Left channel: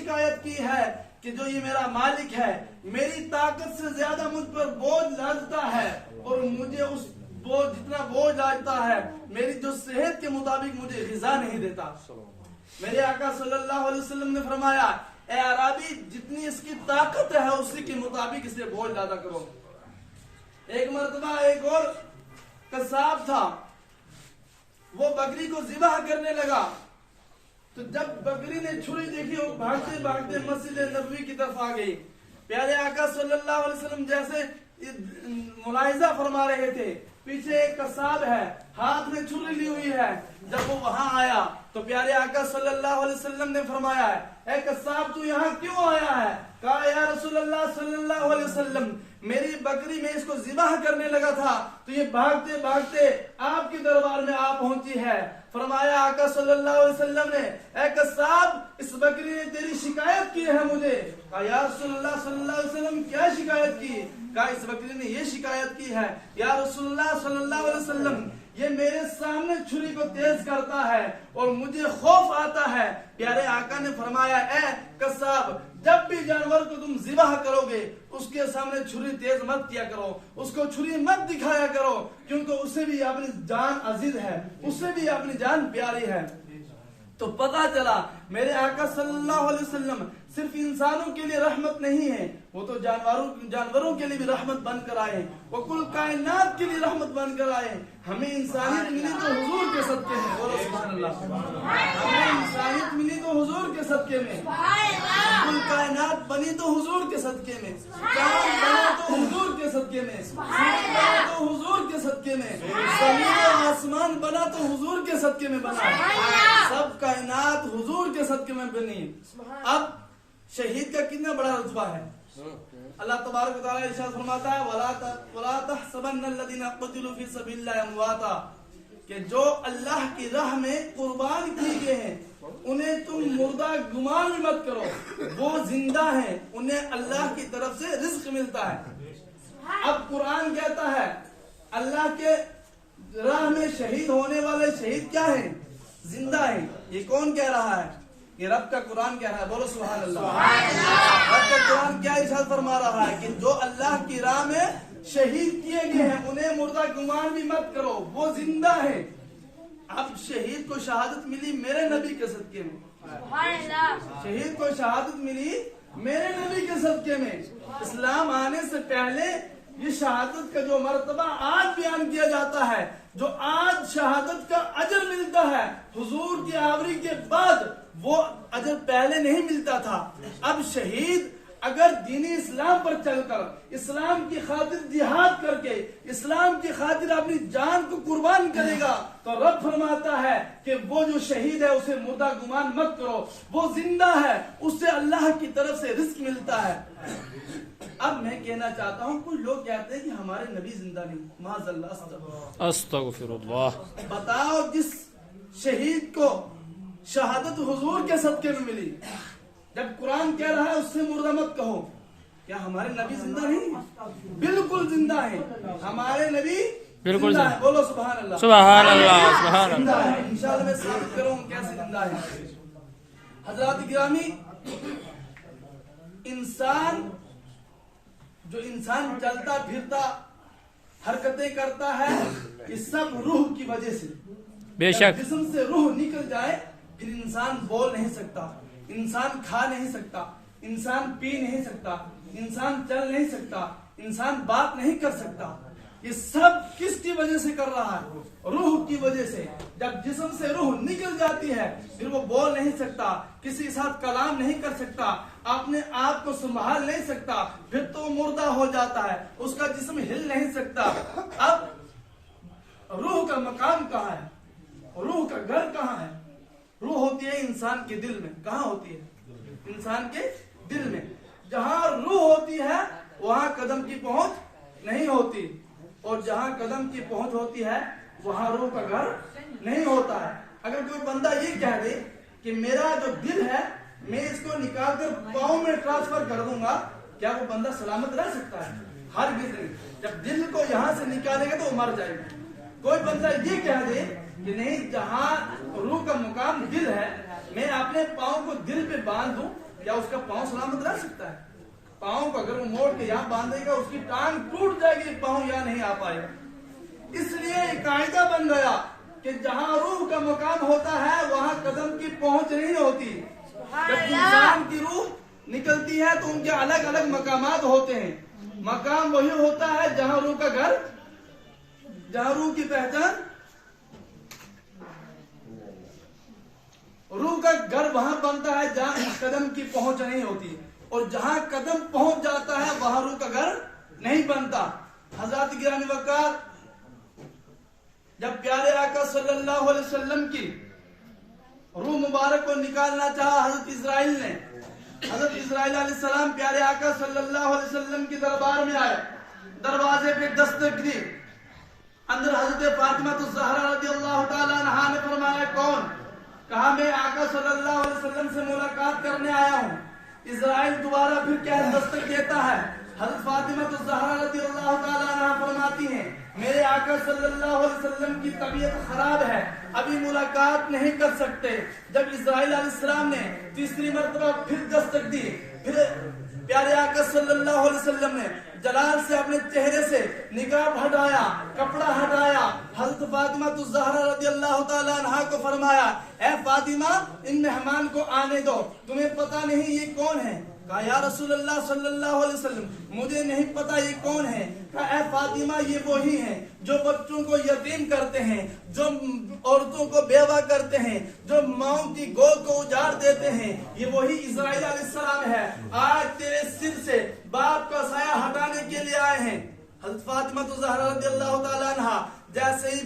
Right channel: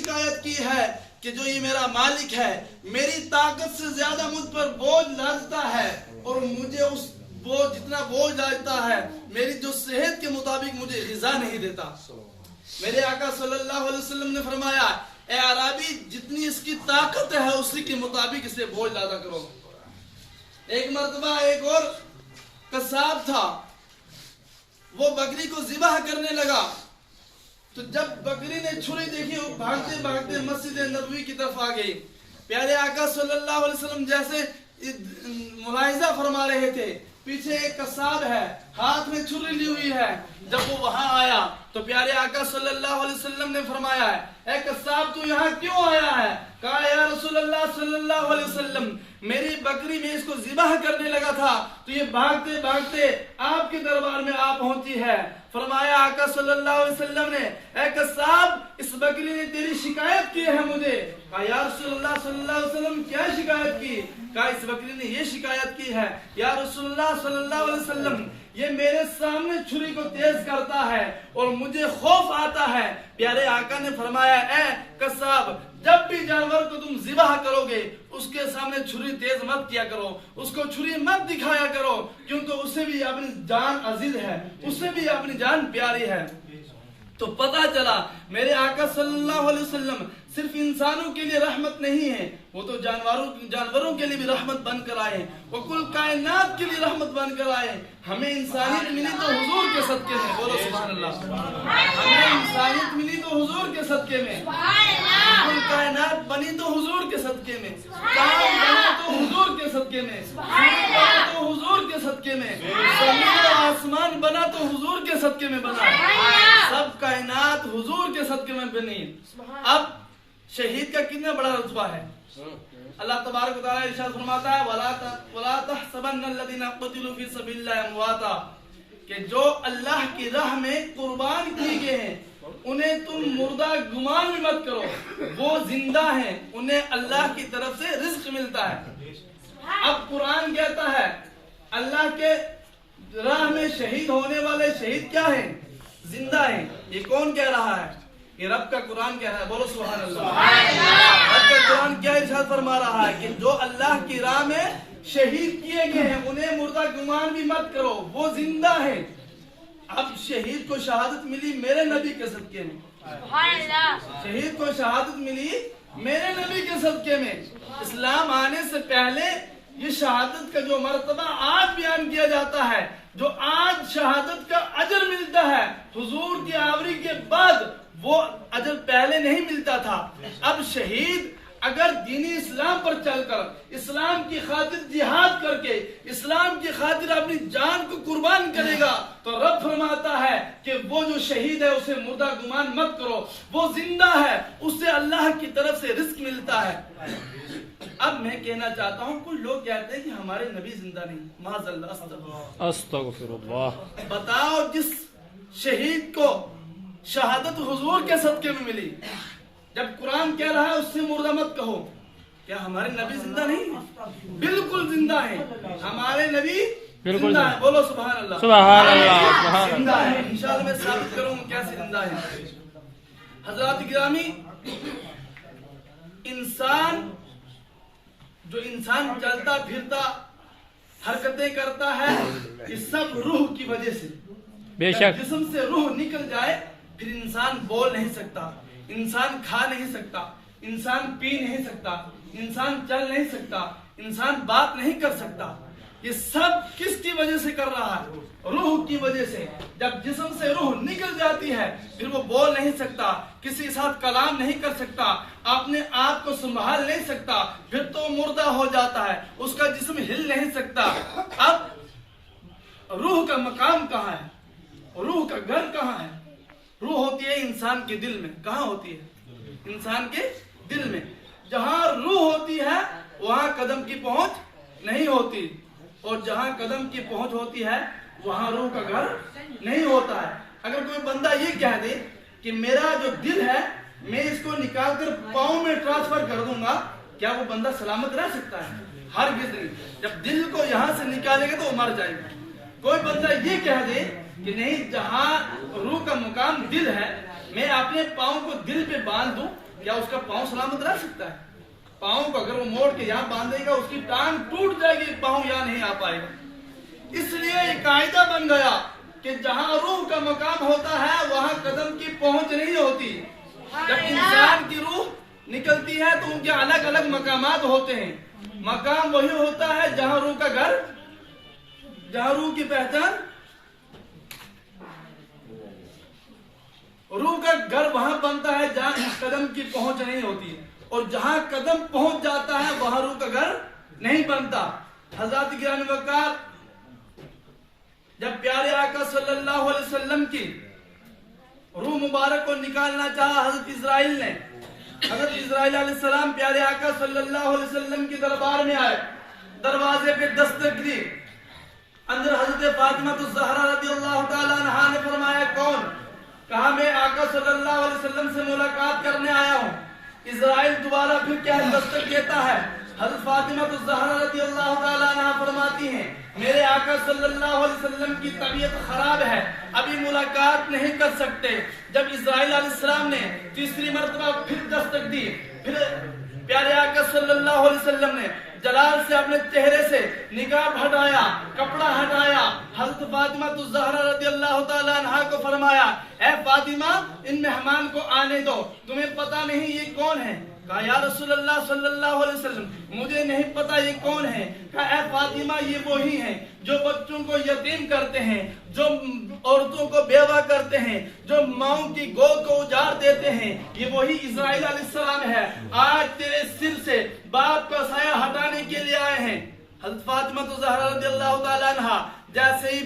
شکایت کی ہے کہ جو یہ میرا مالک ہے میری طاقت سے زیادہ مجھ پر بوجھ لادتا ہے اور مجھے اس بوجھ جتنا بوجھ لاتا ہے میری جو صحت کے مطابق مجھے غذا نہیں دیتا. میرے آقا صلی اللہ علیہ وسلم نے فرمایا اے عربی جتنی اس کی طاقت ہے اسی کے مطابق اسے بوجھ لادا کرو. ایک مرتبہ ایک اور قصاب تھا, وہ بکری کو ذبح کرنے لگا تو جب بکری نے چھری دیکھی وہ بھاگتے بھاگتے مسجد نبوی کی طرف آ گئی. پیارے آقا صلی اللہ علیہ وسلم جیسے ملاحظہ فرما رہے تھے, پیچھے ایک قصاب ہے ہاتھ میں چھری لی ہوئی ہے. جب وہ وہاں آیا تو پیارے آقا صلی اللہ علیہ وسلم نے فرمایا اے قصاب تو یہاں کیوں آیا ہے؟ کہا یا رسول اللہ صلی اللہ علیہ وسلم میری بکری میں اس کو ذبح کرنے لگا تھا تو یہ بھاگتے بھاگتے آپ کے دربار میں آ پہنچی ہے. فرمایا آقا صلی اللہ علیہ وسلم نے اے قصاب اس بکری نے تیری شکایت کی ہے مجھے. کہا یا رسول اللہ صلی اللہ علیہ وسلم کیا شکایت کی؟ کہا اس بکری نے یہ شکایت کی ہے یا رسول اللہ صلی اللہ علیہ وسلم یہ میرے سامنے چھری کو تیز کرتا ہے اور مجھے خوف آتا ہے. پیارے آقا نے فرمایا اے قصاب جب بھی جانور کو تم ذبح کرو گے اس کے سامنے چھری تیز مت کیا کرو, اس کو چھری مت دکھایا کرو کیونکہ اسے بھی اپنی جان عزیز ہے, اسے بھی اپنی جان پیاری ہے. تو پتا چلا میرے آقا صلی اللہ علیہ وسلم صرف انسانوں کے لیے رحمت نہیں ہے, وہ تو جانوروں کے لیے بھی رحمت بن کر آئے, وہ کل کائنات کے لیے رحمت بن کر آئے. ہمیں انسانیت ملی تو حضور کے صدقے میں, بولو سبحان اللہ. ہمیں انسانیت ملی تو حضور کے صدقے میں, کل کائنات بنی تو حضور کے صدقے میں, چاند بنا تو حضور کے صدقے میں, سورج بنا تو حضور کے صدقے میں, زمین و آسمان بنا تو حضور کے صدقے میں بنا, سب کائنات حضور کے صدقے میں بنی. اب شہید کا کتنا بڑا رتبہ ہے. اللہ تبارک و تعالی ارشاد فرماتا ہے وَلَا تَحْسَبَنَّ الَّذِينَ قُتِلُوا فِي سَبِيلِ اللَّهِ أَمْوَاتًا, کہ جو اللہ کی راہ میں قربان کیے گئے ہیں انہیں تم مردہ گمان بھی مت کرو, وہ زندہ ہیں, انہیں اللہ کی طرف سے رزق ملتا ہے. اب قرآن کہتا ہے اللہ کے راہ میں شہید ہونے والے شہید کیا ہیں؟ زندہ ہیں. یہ کون کہہ رہا ہے؟ یہ رب کا قرآن کہہ رہا ہے, بولو سبحان اللہ. رب کا قرآن کیا ارشاد فرما رہا ہے کہ جو اللہ کی راہ میں شہید کیے گئے ہیں انہیں مردہ گمان بھی مت کرو, وہ زندہ ہیں. اب شہید کو شہادت ملی میرے نبی کے صدقے میں, شہید کو شہادت ملی میرے نبی کے صدقے میں. اسلام آنے سے پہلے یہ شہادت کا جو مرتبہ آج بیان کیا جاتا ہے, جو آج شہادت کا اجر ملتا ہے, حضور کی آوری کے بعد وہ اجر پہلے نہیں ملتا تھا. اب شہید اگر دینی اسلام پر چل کر اسلام کی خاطر جہاد کر کے اسلام کی خاطر اپنی جان کو قربان کرے گا تو رب فرماتا ہے کہ وہ جو شہید ہے اسے مردہ گمان مت کرو, وہ زندہ ہے, اس سے اللہ کی طرف سے رزق ملتا ہے. اب میں کہنا چاہتا ہوں کچھ لوگ کہتے ہیں کہ ہمارے نبی زندہ نہیں, معاذ اللہ, استغفر اللہ. بتاؤ جس شہید کو شہادت حضور کے صدقے میں ملی, جب قرآن کہہ رہا ہے اس سے مردہ مت کہو, کیا ہمارے نبی زندہ نہیں؟ بالکل زندہ ہیں ہمارے نبی, زندہ ہیں. بولو سبحان اللہ. سبحان اللہ, سبحان زندہ اللہ. ہے. انشاءاللہ میں ثابت کروں کیسے زندہ ہے. حضرات گرامی, جو انسان چلتا پھرتا حرکتیں کرتا ہے یہ سب روح کی وجہ سے. بے شک جسم سے روح نکل جائے پھر انسان بول نہیں سکتا, انسان کھا نہیں سکتا, انسان پی نہیں سکتا, انسان چل نہیں سکتا, انسان بات نہیں کر سکتا. یہ سب کس کی وجہ سے کر رہا ہے؟ روح کی وجہ سے. جب جسم سے روح نکل جاتی ہے پھر وہ بول نہیں سکتا, کسی کے ساتھ کلام نہیں کر سکتا, اپنے آپ کو سنبھال نہیں سکتا, پھر تو مردہ ہو جاتا ہے, اس کا جسم ہل نہیں سکتا. اب روح کا مقام کہاں ہے؟ روح کا گھر کہاں ہے؟ روح ہوتی ہے انسان کے دل میں. کہاں ہوتی ہے؟ انسان کے دل میں. جہاں روح ہوتی ہے وہاں قدم کی پہنچ نہیں ہوتی, اور جہاں قدم کی پہنچ ہوتی ہے وہاں روح کا گھر نہیں ہوتا ہے. اگر کوئی بندہ یہ کہہ دے کہ میرا جو دل ہے میں اس کو نکال کر پاؤں میں ٹرانسفر کر دوں گا, کیا وہ بندہ سلامت رہ سکتا ہے؟ ہرگز نہیں. جب دل کو یہاں سے نکالے گا تو وہ مر جائے گا. کوئی بندہ یہ کہہ دے کہ نہیں جہاں روح کا مقام دل ہے میں اپنے پاؤں کو دل پہ باندھ دوں क्या उसका पांव सलामत रह सकता है? पांव को अगर वो मोड़ के यहाँ बांधेगा उसकी टांग टूट जाएगी, पांव यहाँ नहीं आ पाएगा। इसलिए एक कायदा बन गया कि जहां रूह का मकाम होता है वहां कदम की पहुंच नहीं होती। जब इंसान की रूह निकलती है तो उनके अलग अलग मकामात होते हैं। मकाम वही होता है जहां रूह का घर, जहां रूह की पहचान, रूह का घर वहां बनता है जहां कदम की पहुंच नहीं होती, और जहां कदम पहुंच जाता है वहां रूह का घर नहीं बनता। हजरत गिरानी वकार जब प्यारे आका सल्लल्लाहु अलैहि वसल्लम की रूह मुबारक को निकालना चाहा हजरत इजराइल ने, हजरत इजराइल अलैहिस्सलाम प्यारे आका सल्लल्लाहु अलैहि वसल्लम के दरबार में आए, दरवाजे पे दस्तक दी। अंदर हजरत फातिमा तो ज़हरा रज़ियल्लाहु ताला अन्हा ने फरमाया कौन? कहा मैं आका सल्लल्लाहु अलैहि वसल्लम से मुलाकात करने आया हूँ। इजराइल दोबारा फिर क्या दस्तक देता है। हजरत फातिमा तो ज़हरा रज़ियल्लाहु ताला अन्हा फरमाती हैं मेरे आका सल्लल्लाहु अलैहि वसल्लम की तबीयत खराब है, अभी मुलाकात नहीं कर सकते। जब इजराइल अलैहिस्सलाम ने तीसरी मर्तबा फिर दस्तक दी, फिर प्यारे आका सल्लल्लाहु अलैहि वसल्लम ने जलाल से अपने चेहरे से निकाब हटाया, कपड़ा हटाया। हजरत फातिमा तो ज़हरा रज़ियल्लाहु ताला अन्हा को फरमाया ऐ फातिमा इन मेहमान को आने दो, तुम्हें पता नहीं ये कौन है? कहा या रसूलल्लाह सल्लल्लाहु अलैहि वसल्लम मुझे नहीं पता ये कौन है। कहा ऐ फातिमा ये वही हैं जो बच्चों को यतीम करते हैं, जो औरतों को बेवा करते हैं, जो माओं की गोद को उजाड़ देते हैं, ये वही इजराइल अलैहिस्सलाम है। आज तेरे सिर से बाप का साया हटाने के लिए आए हैं। हज़रत फातिमा तो ज़हरा रज़ियल्लाहु ताला अन्हा जैसे ही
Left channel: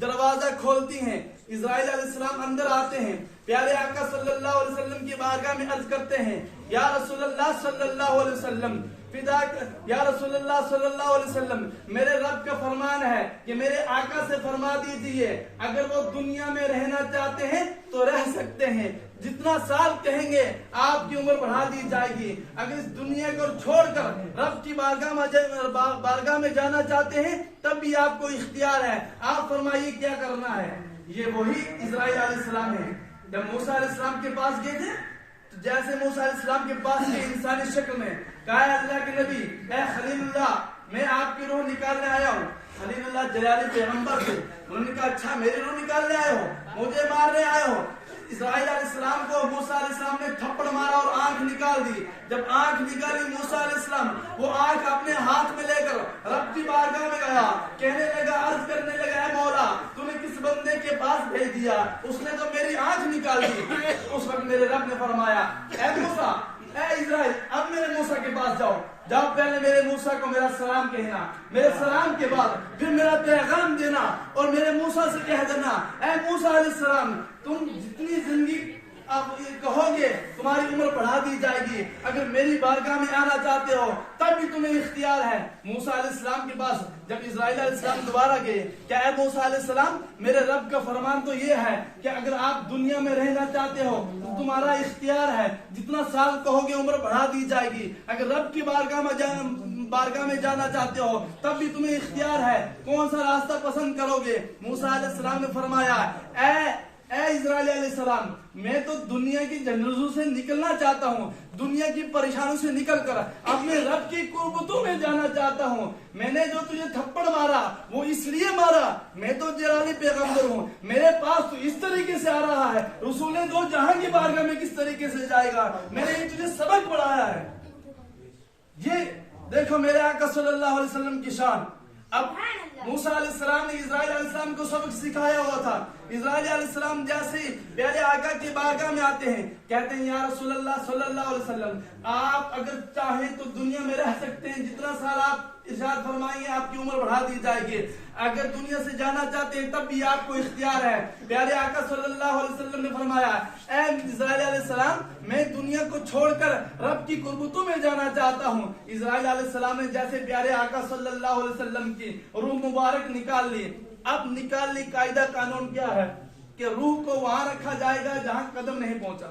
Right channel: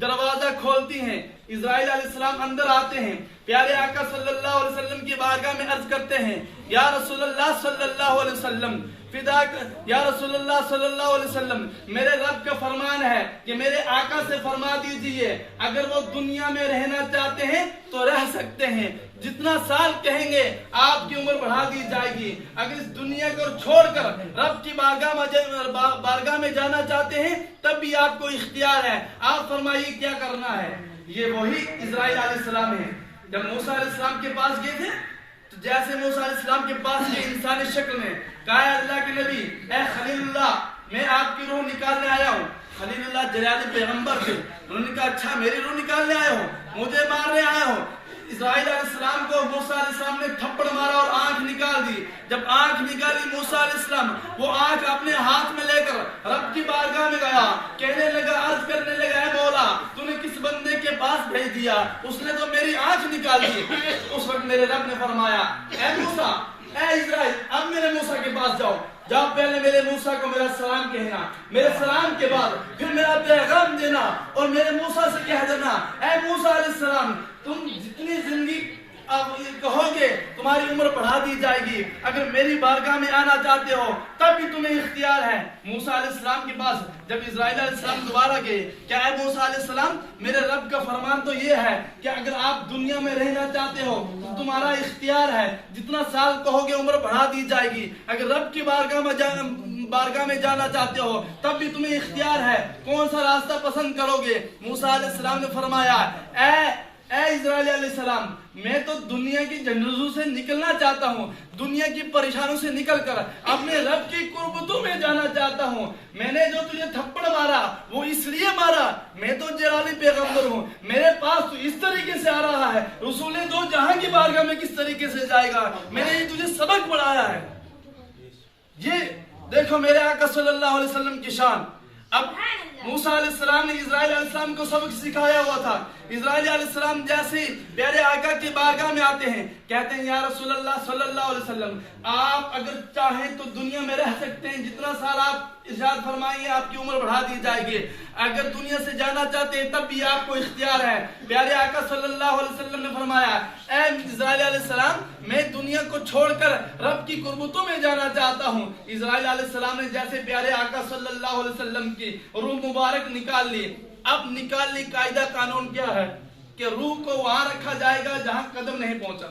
दरवाजा खोलती हैं, इजराइल अलैहिस्सलाम अंदर आते हैं, प्यारे आका सल्लल्लाहु अलैहि वसल्लम की बारगाह में अर्ज करते हैं या रसूलल्लाह सल्लल्लाहु अलैहि वसल्लम फिदा या रसूलल्लाह सल्लल्लाहु अलैहि वसल्लम मेरे रब का फरमान है कि मेरे आका से फरमा दीजिए अगर वो दुनिया में रहना चाहते हैं तो रह सकते हैं, जितना साल कहेंगे आपकी उम्र बढ़ा दी जाएगी। अगर इस दुनिया को छोड़कर रब की बारगाह में जाना चाहते हैं तब भी आपको इख्तियार है, आप फरमाइए क्या करना है। ये वही इजराइल अलैहिस्सलाम है। जब मूसा अलैहिस्सलाम के पास गए थे तो जैसे मूसा अलैहिस्सलाम के पास गए इंसानी शक्ल में, कहा अल्लाह के नबी ए खलीलुल्लाह मैं आपकी रूह निकालने आया हूँ। खलीलुल्लाह जलाली पैगंबर थे, उन्होंने कहा अच्छा मेरी रूह निकालने आए हो, मुझे मारने आए हो। इस्राइल अलैहिस्सलाम को मूसा अलैहिस्सलाम ने थप्पड़ मारा और आंख निकाल दी। जब आंख निकाली मूसा अलैहिस्सलाम वो आंख अपने हाथ में लेकर रब की बारगाह में गया, कहने लगा अर्ज करने लगा है मौला तूने किस बंदे के पास भेज दिया, उसने तो मेरी आंख निकाल दी। उस वक्त मेरे रब ने फरमाया ऐ मूसा ऐ इस्राइल अब मेरे मूसा के पास जाओ, जाओ पहले मेरे मूसा को मेरा सलाम कहना, मेरे सलाम के बाद फिर मेरा पैगाम देना और मेरे मूसा से कह देना ऐ मूसा अलैहिस्सलाम तुम जितनी जिंदगी अब कहोगे तुम्हारी उम्र बढ़ा दी जाएगी, अगर मेरी बारगाह में आना चाहते हो तब भी तुम्हें इख्तियार है। मूसा अलैहिस्सलाम के पास जब इस्राइल अलैहिस्सलाम दोबारा गए, क्या है मूसा अलैहिस्सलाम मेरे रब का फरमान तो ये है कि अगर आप दुनिया में रहना चाहते हो तो तुम्हारा इख्तियार है, जितना साल कहोगे उम्र बढ़ा दी जाएगी। अगर रब की बारगाह में जाना चाहते हो तब भी तुम्हें इख्तियार है, कौन सा रास्ता पसंद करोगे। मूसा अलैहिस्सलाम ने फरमाया ऐ इस्राइल अलैहिस्सलाम मैं तो दुनिया की जंजरों से निकलना चाहता हूँ, दुनिया की परेशानियों से निकलकर अपने रब की कुर्बतों में जाना चाहता हूँ। मैंने जो तुझे थप्पड़ मारा वो इसलिए मारा, मैं तो जलाली पैगंबर हूँ, मेरे पास तो इस तरीके से आ रहा है, रसूले दो जहां की बारगाह में किस तरीके से जाएगा, मैंने ये तुझे सबक पढ़ाया है। ये देखो मेरे आका सल्लल्लाहु अलैहि वसल्लम की शान। अब मूसा अलैहिस्सलाम ने इस्राइल अलैहिस्सलाम को सबक सिखाया हुआ था। इस्राइल अलैहिस्सलाम जैसे प्यारे आका की बारगाह में आते हैं, कहते हैं या रसूलल्लाह सल्लल्लाहु अलैहि वसल्लम आप अगर चाहें तो दुनिया में रह सकते हैं, जितना साल आप इरशाद फरमाइए आपकी उम्र बढ़ा दी जाएगी, अगर दुनिया से जाना चाहते हैं तब भी आपको इख्तियार है। प्यारे आका सल्लल्लाहु अलैहि वसल्लम ने फरमाया ऐ इस्राइल अलैहिस्सलाम मैं दुनिया को छोड़कर रब की कुर्बतों में जाना चाहता हूँ। इस्राइल अलैहिस्सलाम ने जैसे प्यारे आका सल्लल्लाहु अलैहि वसल्लम की रूह मुबारक निकाल ली। अब निकाल ली कायदा कानून क्या है कि रूह को वहां रखा जाएगा जहां कदम नहीं पहुंचा,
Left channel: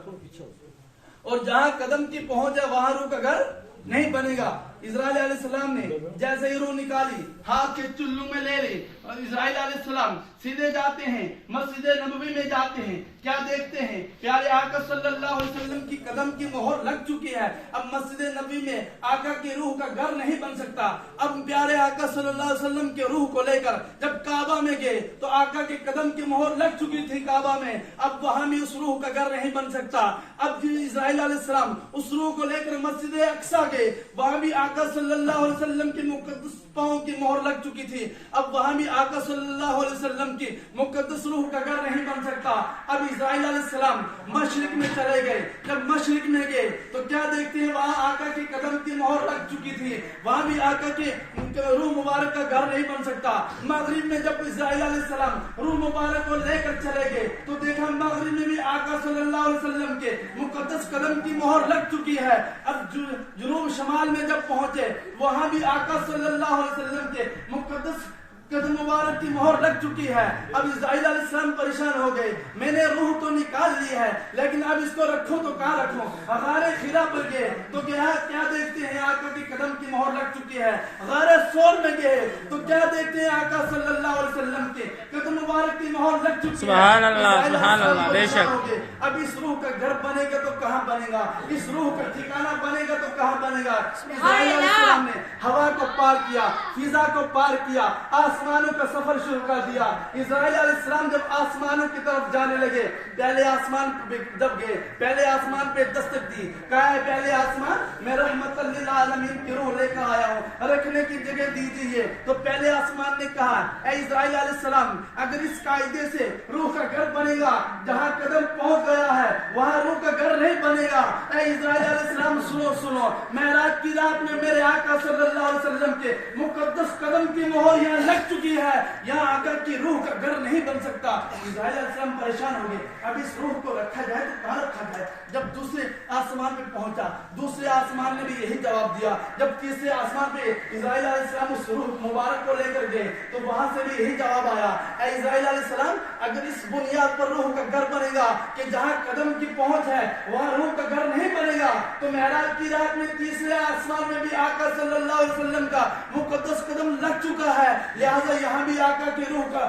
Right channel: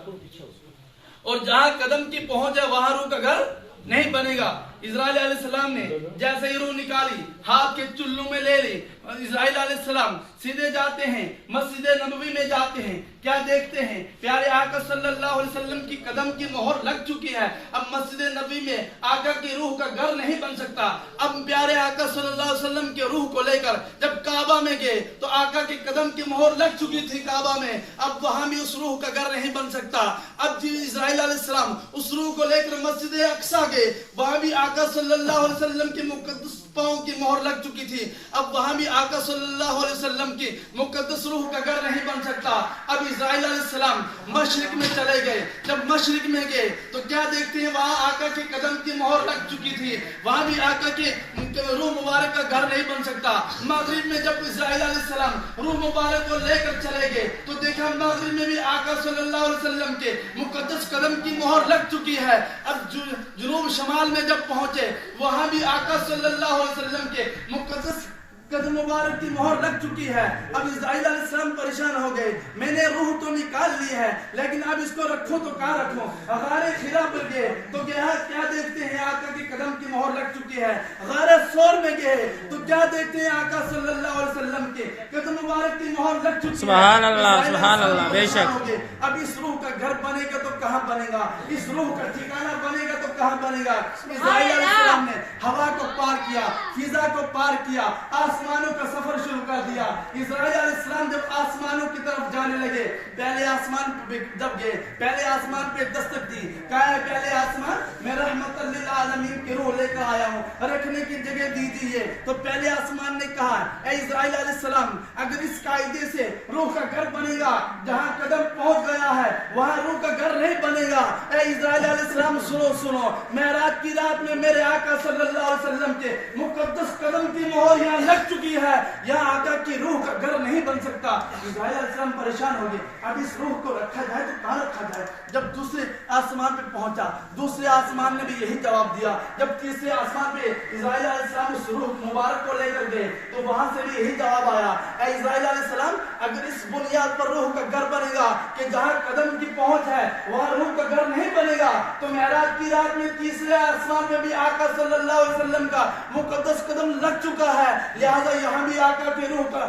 और जहां कदम की पहुंच है वहां रूह का घर नहीं बनेगा। इस्राइल अलैहिस्सलाम ने जैसे ही रूह निकाली हाथ के चुल्लू में ले ली, इस्राइल अलैहिस्सलाम सीधे जाते हैं, मस्जिद नबवी में जाते हैं, क्या देखते हैं? प्यारे आका सल्लल्लाहु अलैहि वसल्लम की कदम की मोहर लग चुकी है। अब मस्जिद नबवी में आका की रूह का घर नहीं बन सकता। अब प्यारे आका सल्लल्लाहु अलैहि वसल्लम के रूह को लेकर जब काबा में गए तो आका के कदम की मोहर लग चुकी थी काबा में, अब वहां भी उस रूह का घर नहीं बन सकता। अब इस्राइल अलैहिस्सलाम उस रूह को लेकर मस्जिद अक्सा गए, वहां भी आका सल्लल्लाहु अलैहि वसल्लम की मुकद्दस पांव की मोहर लग चुकी थी। अब वहां भी आका सल्लल्लाहु अलैहि वसल्लम की मुकद्दस रूह का घर नहीं बन सकता। अब इस्राइल अलैहिस्सलाम मशरिक में चले गए, जब मशरिक में गए तो क्या देखते हैं? वहां आका के कदम की मोहर लग चुकी थी, वहां भी आका के रूह मुबारक का घर नहीं बन सकता। मगरिब में जब इस्राइल अलैहिस्सलाम रूह मुबारक को लेकर चले गए तो देखा मगरिब में भी आका सल्लल्लाहु अलैहि वसल्लम के मुकद्दस कदम की मोहर लग चुकी है। अब जुनूब शमाल में जब पहुंचे वहां भी आका सल्लल्लाहु अलैहि वसल्लम के मुकद्दस कदम मुबारक की मोहर लग चुकी है। अब इस्राइल अलैहिस्सलाम परेशान हो गए, मैंने रूह तो निकाल ली है लेकिन अब इसको रखूं तो कहां रखूं? गारे खिरा पर गए तो क्या देखते हैं? आका की कदम की मोहर लग चुकी है। गारे सौर में गए तो क्या देखते हैं? आका सल्लल्लाहु अलैहि वसल्लम के कदम मुबारक की मोहर लग चुकी है। सुभान अल्लाह, सुभान अल्लाह, बेशक। अब इस रूह का घर बनेगा तो कहां बनेगा? इस रूह का ठिकाना बनेगा तो कहां बनेगा? इस्राइल अलैहिस्सलाम ने हवा को पार किया, फिजा को पार किया, आसमानों का सफर शुरू कर दिया। इस्राइल अलैहिस्सलाम जब आसमानों की तरफ जाने लगे, पहले आसमान पे जब गए, पहले आसमान पे दस्तक दी, कहा है पहले आसमान मैं रहमतल लिल आलमीन की रूह लेकर आया हूँ, रखने की जगह दीजिए। तो पहले आसमान ने कहा ऐ इस्राइल अलैहिस्सलाम, अगर इस कायदे से रूह का घर बनेगा, जहाँ कदम पहुंच गया है वहाँ रूह का घर नहीं बनेगा। ऐ इस्राइल अलैहिस्सलाम सुनो सुनो, मेराज की रात में मेरे आका सल्लल्लाहु अलैहि वसल्लम के मुकद्दस कदम की मोहर यहाँ लग चुकी है, यहाँ आका की रूह का घर नहीं बन सकता। इस्राइल अलैहिस्सलाम परेशान हो गए, अब इस रूह को रखा जाए तो कहाँ रखा जाए? जब दूसरे आसमान पे पहुंचा, दूसरे आसमान ने भी यही जवाब दिया। जब तीसरे आसमान पे इस्राइल अलैहिस्सलाम उस रूह मुबारक को लेकर गए तो वहां से भी यही जवाब आया, ऐ इस्राइल अलैहिस्सलाम, अगर इस बुनियाद पर रूह का घर बनेगा कि जहाँ कदम की पहुंच है वहाँ रूह का घर नहीं बनेगा, तो मेराज की रात में तीसरे आसमान में भी आका सल्लल्लाहु अलैहि वसल्लम का मुकद्दस कदम लग चुका है, लिहाजा यहाँ भी आका के रूह का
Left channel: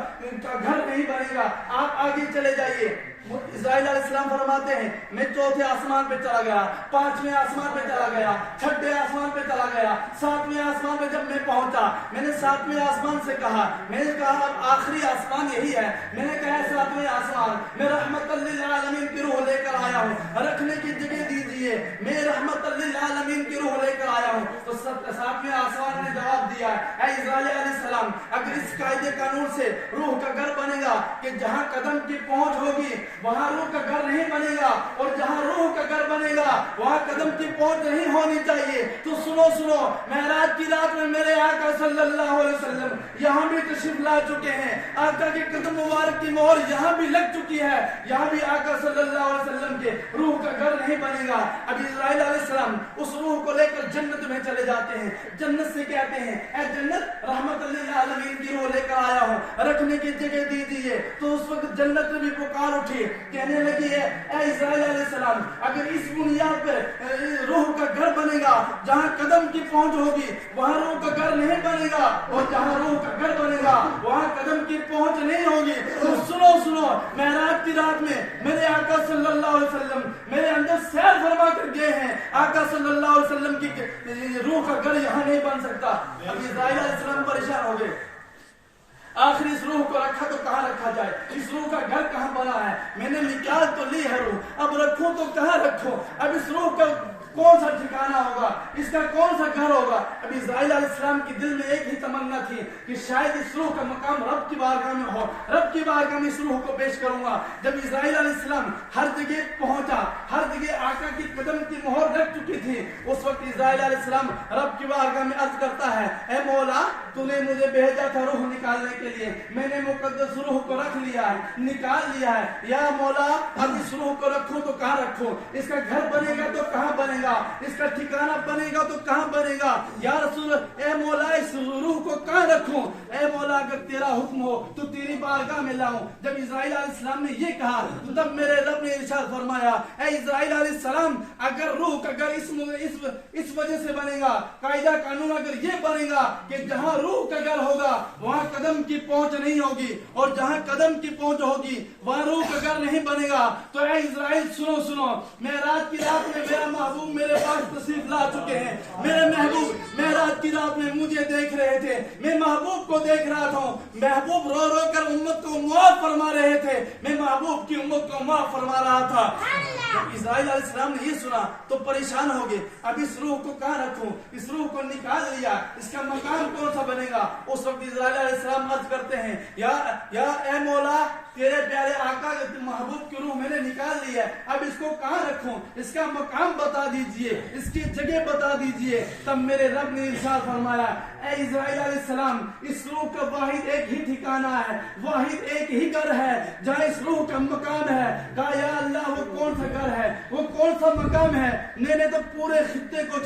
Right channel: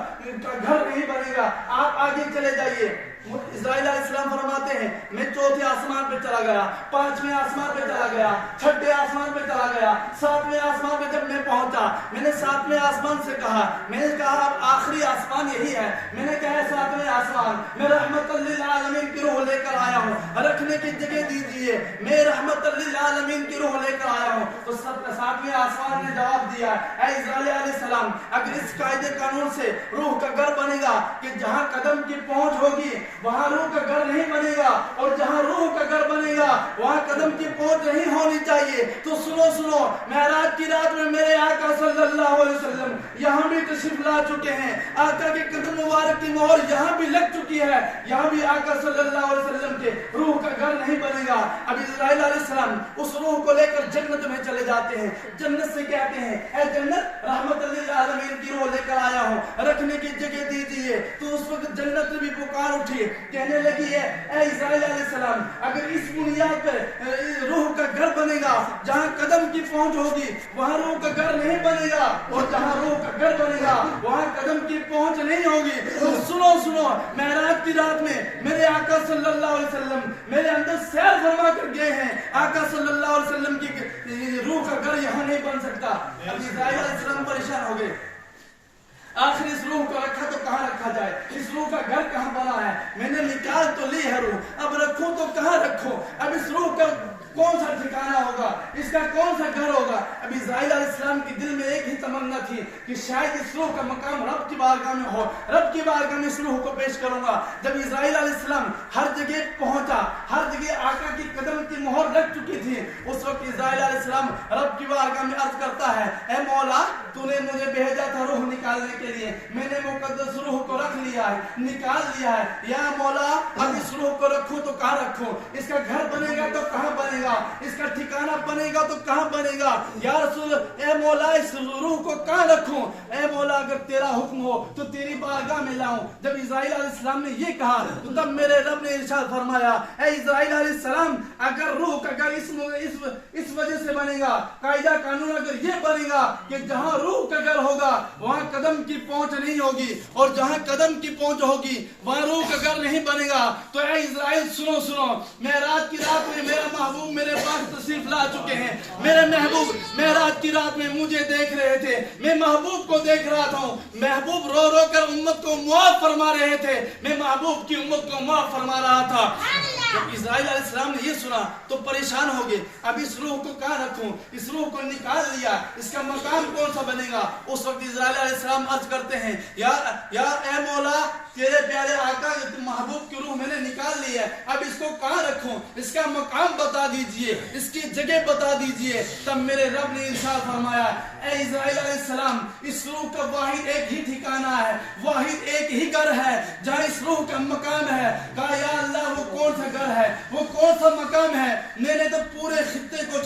घर नहीं बनेगा। आप आगे चले जाइए। इस्राइल अलैहिस्सलाम फरमाते हैं मैं चौथे आसमान पे चला गया, पांचवें आसमान पे चला गया, छठे आसमान पे चला गया, सातवें आसमान पे जब मैं पहुंचा मैंने सातवें आसमान से कहा, मैंने कहा अब आखिरी आसमान यही है, मैंने कहा सातवें आसमान मैं रहमतल लिल आलमीन की रूह लेकर आया हूँ, रखने की जगह दीजिए, मैं रहमतल लिल आलमीन की रूह लेकर आया हूँ। तो सातवें आसमान ने जवाब दिया, ऐ इस्राइल अलैहिस्सलाम, अगर इस कायदे कानून से रूह का घर बनेगा कि जहाँ कदम की पहुंच होगी वहां रूह का घर नहीं बनेगा, और जहां रूह का घर बनेगा वहां कदम की पहुंच नहीं होनी चाहिए। तो सुनो सुनो, मेराज की रात में मेरे आका सल्लल्लाहु अलैहि वसल्लम यहाँ भी तशरीफ ला चुके हैं, आका के कदम मुबारक की मोहर यहाँ भी लग चुकी है, यहाँ भी आका सल्लल्लाहु अलैहि वसल्लम के रूह का घर नहीं बनेगा। अब इस्राइल अलैहिस्सलाम उस रूह को लेकर जन्नत में चले जाते हैं, जन्नत से कहते हैं ऐ जन्नत, रहमतल लिल आलमीन की रूह लेकर आया हूँ, रखने की जगह दीजिए। तो उस वक्त जन्नत में भी पुकार उठी, कहने लगी है ऐ इस्राइल अलैहिस्सलाम, अगर इस बुनियाद पर रूह का घर बनेगा, जहाँ कदम की पहुंच होगी वहाँ रूह का घर नहीं बनेगा, और जहाँ रूह का घर बनेगा वहाँ कदम की पहुंच नहीं होगी। तो सुनो सुनो, मेराज की रात में मेरे आका सल्लल्लाहु अलैहि वसल्लम मेरे अंदर सैर फरमा कर गए हैं, आका सल्लल्लाहु अलैहि वसल्लम की रूह का घर यहाँ नहीं बन सकता। अब इस्राइल अलैहिस्सलाम परेशान हो गए, आखिर इस रूह को रखा तो कहाँ रखा जाए? इस रूह का घर कहाँ बना है? मैंने निकाल तो ली है रूह, अब रखूं तो कहाँ रखूं? अब इस रूह का कौन सा ठिकाना होगा, इसका कौन सा घर होगा? अब इस्राइल अलैहिस्सलाम के दिल में एक ही तमन्ना थी कि शायद इस रूह का मकाम रब की बारगाह में हो, रब की बारगाह में इस रूह को पेश करूंगा। जब इस्राइल अलैहिस्सलाम हर जगह पहुंचा, हर जगह आका की कदम की मोहर लग चुकी थी, उस वक्त इस्राइल अलैहिस्सलाम रब की बारगाह में अर्ज करता है, ऐ मौला, तूने मुझे भेजा था रूह निकालने के लिए, मैंने मुकद्दस रूह को रख लिया है, निकाल लिया है, या मौला अब इस रूह को रखूं तो कहाँ रखूं? इसका घर बनेगा तो कहाँ बनेगा? इसका ठिकाना बनेगा तो कहाँ बनेगा? या रसूल, ए मौला, इस रूह को कहाँ रखूं? ए मौला, अगर तेरा हुक्म हो तो तेरी बारगाह में लाऊं। जब इस्राइल अलैहिस्सलाम ने ये कहा तो तब मेरे रब ने इरशाद फरमाया, ऐ इस्राइल अलैहिस्सलाम, अगर रूह अगर इस वजह से बनेगा, कायदा कानून अगर ये बनेगा कि जहां रूह का घर होगा वहां कदम की पहुंच नहीं होगी, और जहां कदम की पहुंच होगी वहां रूह का घर नहीं बनेगा, तो ऐ इस्राइल सुनो सुनो, मेराज की रात में मेरा महबूब मेरे पास तशरीफ ला चुके हैं। मेरे महबूब मेराज की रात में मुझे देख रहे थे, मैं महबूब को देख रहा था। महबूब रो रो कर उम्मत को मुआफ फरमा रहे थे, मैं महबूब की उम्मत को मुआफ फरमा रहा था। जब इस्राइल अलैहिस्सलाम ने ये सुना तो परेशान हो गए, अब इस रूह को कहाँ रखूं? इस रूह को निकाल लिया, इसका मकाम कौन सा बनेगा? उस वक्त इस्राइल अलैहिस्सलाम अर्ज करते हैं, या ए मौला, तेरे प्यारे आका महबूब की रूह मैंने निकाल ली है, अब इसको कहाँ रखूं? इसका मकाम बता दीजिए, इसकी जगह बता दीजिए। तब मेरे रब ने इरशाद फरमाया, ऐ इस्राइल अलैहिस्सलाम, इस रूह का वाहिद एक ही ठिकाना है, वाहिद एक ही घर है जहाँ इस रूह का मकाम है। कहा, या अल्लाह, वो कौन सा घर है, वो कौन सा मकाम है? मैंने तो पूरे खित्ते को